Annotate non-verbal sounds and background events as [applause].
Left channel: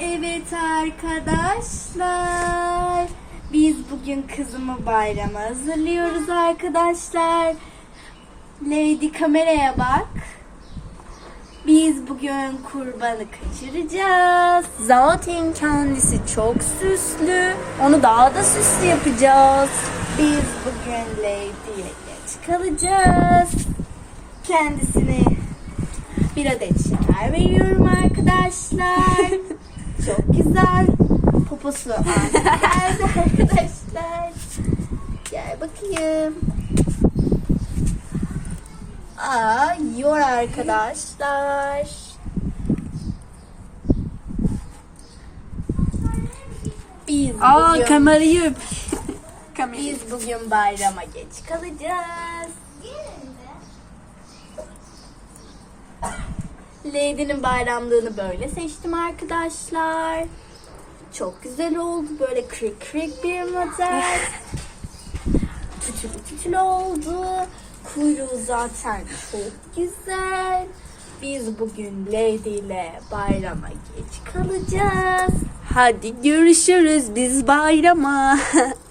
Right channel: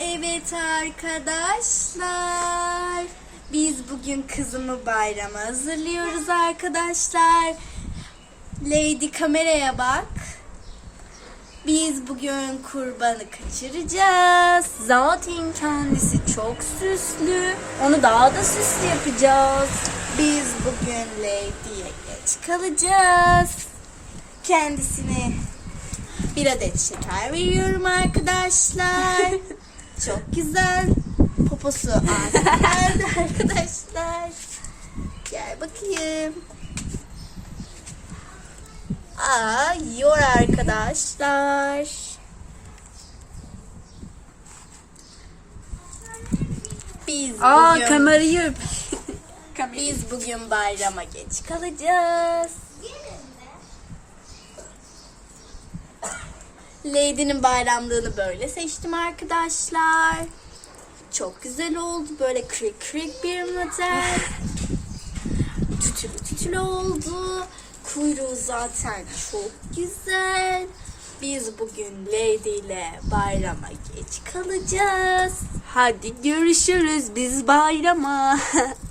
Evet arkadaşlar. Biz bugün kızımı bayrama hazırlıyoruz arkadaşlar. Lady kameraya bak. Biz bugün kurbanı kaçıracağız. Zaten kendisi çok süslü. Onu daha da süslü yapacağız. Biz bugün Lady'ye geç kalacağız. Kendisine bir adet şeker veriyorum arkadaşlar. [laughs] Çok güzel. Poposu geldi arkadaşlar. Gel bakayım. Aa, yiyor arkadaşlar. Biz Aa bugün. Kamerayı. biz bugün bayrama geç kalacağız. Lady'nin bayramlığını böyle seçtim arkadaşlar. Çok güzel oldu. Böyle krik krik bir model. [laughs] tütülü tütülü oldu. Kuyruğu zaten çok güzel. Biz bugün Lady ile bayrama geç kalacağız. Hadi görüşürüz biz bayrama. [laughs]